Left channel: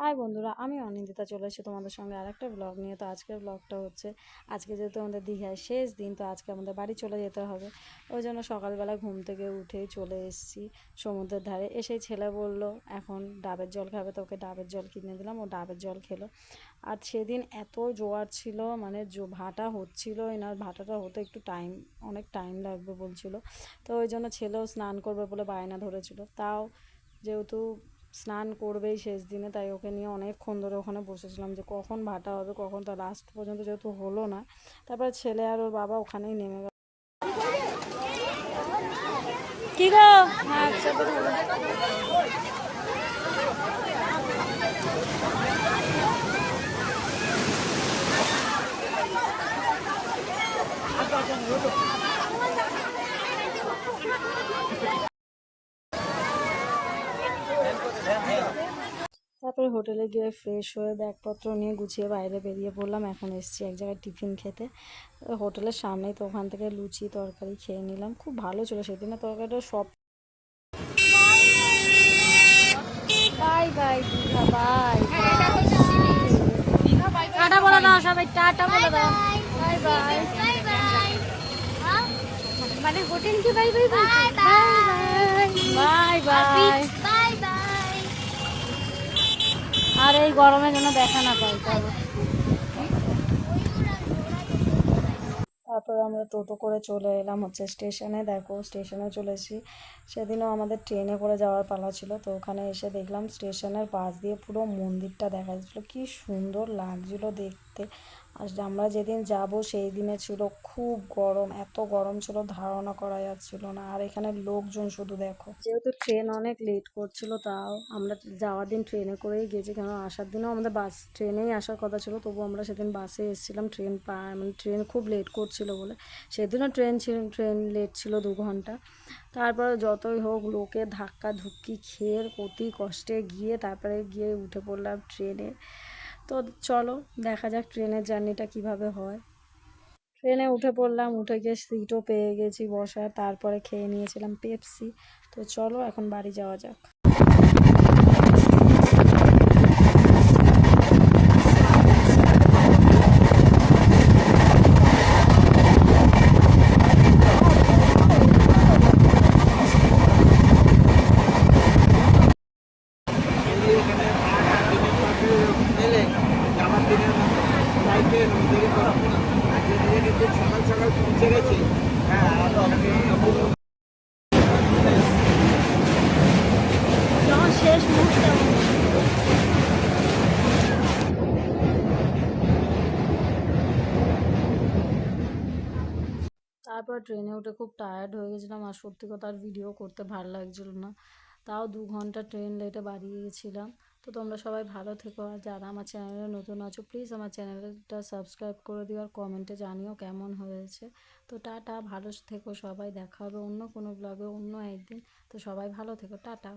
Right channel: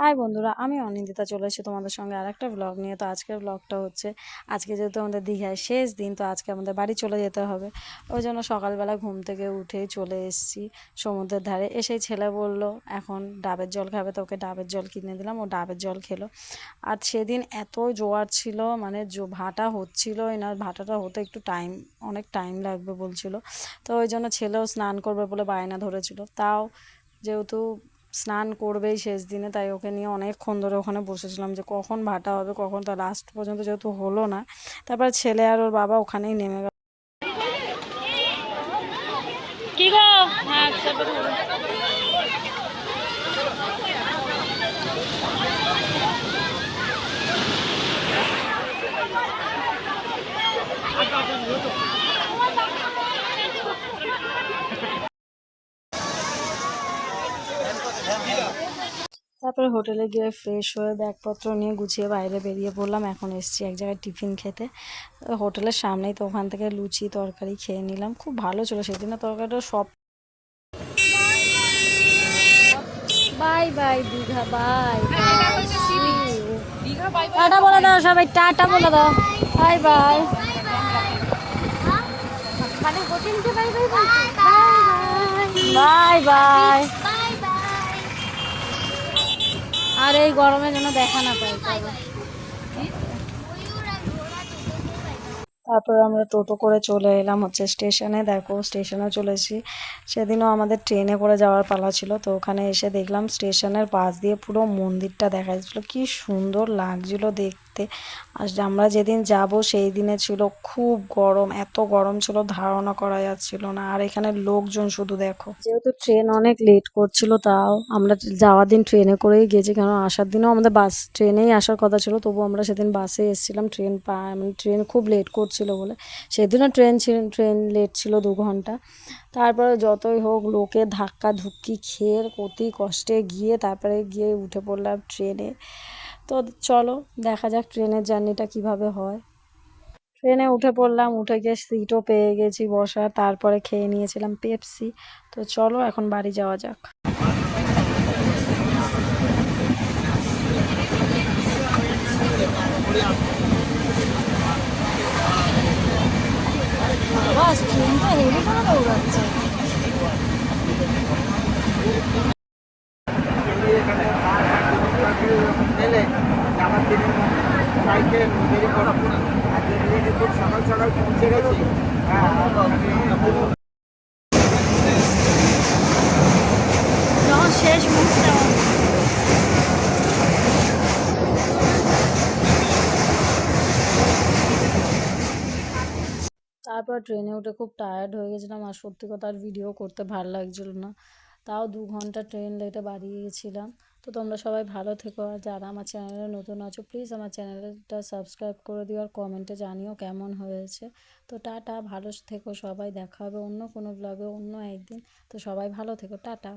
High বন্ধুরা, আমি অনিন্দিতা চলে এসেছি তোমাদের সঙ্গে আরেকটা ব্লগ নিয়ে। তো আজকের ব্লগটা হচ্ছে, আজকে যেহেতু আমাদের দীঘায় শেষ দিন, তো আজকে আমাদের বাড়ি চলে যেতে হবে। ওই জন্য সকালবেলা ঘুম থেকে উঠেই চলে এসেছি সমুদ্রের ধারে। এসেই ছেলে বলল, এখন ডাবের জল খাবে। তো ওকে ডাবের জল কিনে দিলাম, ও ডাবের জল খেলো। আর সেদিন এত জোয়ার ছিল মানে জো- ভাটা হচ্ছিলোই না, ভাটাটা হতে একটু টাইম অনেক টাইম লাগবে বলছিল। তো ওই জন্য ছেলেও স্নান করবে বলে বায়না ধরেছিল। তাও যেহেতু স্নান করবেই শেষ দিনে, তাই ওকে নিয়ে অনেকক্ষণ ধরে ওখানে বসেছিলাম যে কখন ভাটা হবে, কখন তা লাস্ট পর্যন্ত যেহেতু হলো না। তারপর ছেলে আর ওর বাবা ওখানেই নেমে গেল। চেপে ধরো। তারপরে হোটেলে গিয়ে ফ্রেশ হয়ে ব্যাগপত্র নিয়ে গুছিয়ে বাইরে বেরিয়ে পড়লাম। এখন এসছি এক জায়গায় টিফিন খেতে। হোটেলের সামনেই তো ওখান থেকে লুচি তরকারি খেয়ে নিলাম। খুব ভালো ছিল সেদিনের তরকারিটা সব bye bye, Digha, bye tata বলে দাও সবাই, টাটা বলে দাও। Bye bye. মানে বাই বাই। Bye bye. আর এই গরমে যেন দেখা না পাই তারপর আমরা টোটো করে চলে এলাম হচ্ছে স্টেশনে। দেখো স্টেশনে চলেছি সেদিনও আমাদের ট্রেনে করে যাওয়ার পালা ছিল, তো ওখানে এসে দেখলাম স্টেশনের পাশ দিয়ে পুরো মন্দিরটা দেখা যাচ্ছিল। কী সুন্দর লাগছিল দেখতে। আর আমরা যেদিন যাব সেই দিনে ছিল খুব গরম, এত গরম ছিল, ধারণা করা যাচ্ছিল না। আর এখানে লোকজন শুধু দেখো। যেহেতু ট্রেন অনেক লেট করছিল, তাও আমরা যাওয়ার দিন ট্রেনে করেই গেছি। কারণ আসার দিনও আমাদের বাস ট্রেনেই আসার কথা ছিল, তবু আমরা সেদিন বাসে এসেছিলাম, ট্রেন পা মানে ট্রেন খুব লেট করছিল বলে। সেদিনও ট্রেন ছিল, ট্রেন লেট ছিল দু ঘণ্টা। তারপরে যতই হোক লোকে ধাক্কা ধুক্কি খেয়ে, অতি কষ্টে গিয়ে তারপরে গিয়ে উঠে পড়লাম ট্রেনে। তো চলো, দেখা যাক ট্রেনের জার্নিটা কীভাবে হয়। ট্রেনে উঠে পড়লাম, উঠে গিয়ে সিটও পেয়ে গেছি বসা তারপরে খেয়ে নিয়েছিলাম পেপসি। তো চলো, এখন বাড়ি যাওয়া যাক। শেষ তারপর ট্রেনে উঠে খুব টায়ার্ড হয়ে গেছিলাম আর সত্যি কথা আর ভিডিও করতে ভালো লাগছিল না। তাও দু ঘণ্টা ট্রেন লেটে বাড়িয়ে গেছিলাম। তো তোমরা সবাই ভালো থেকো। আর যারা আমার চ্যানেলে নতুন আছো প্লিজ আমার চ্যানেলটা সাবস্ক্রাইব করে দিও আর কমেন্টে জানিও কেমন হয়েছে। তো টাটা, ভালো থেকো সবাই। দেখা হবে অন্য কোনো ব্লগে অন্য একদিন। তো সবাই ভালো থেকো। টাটা।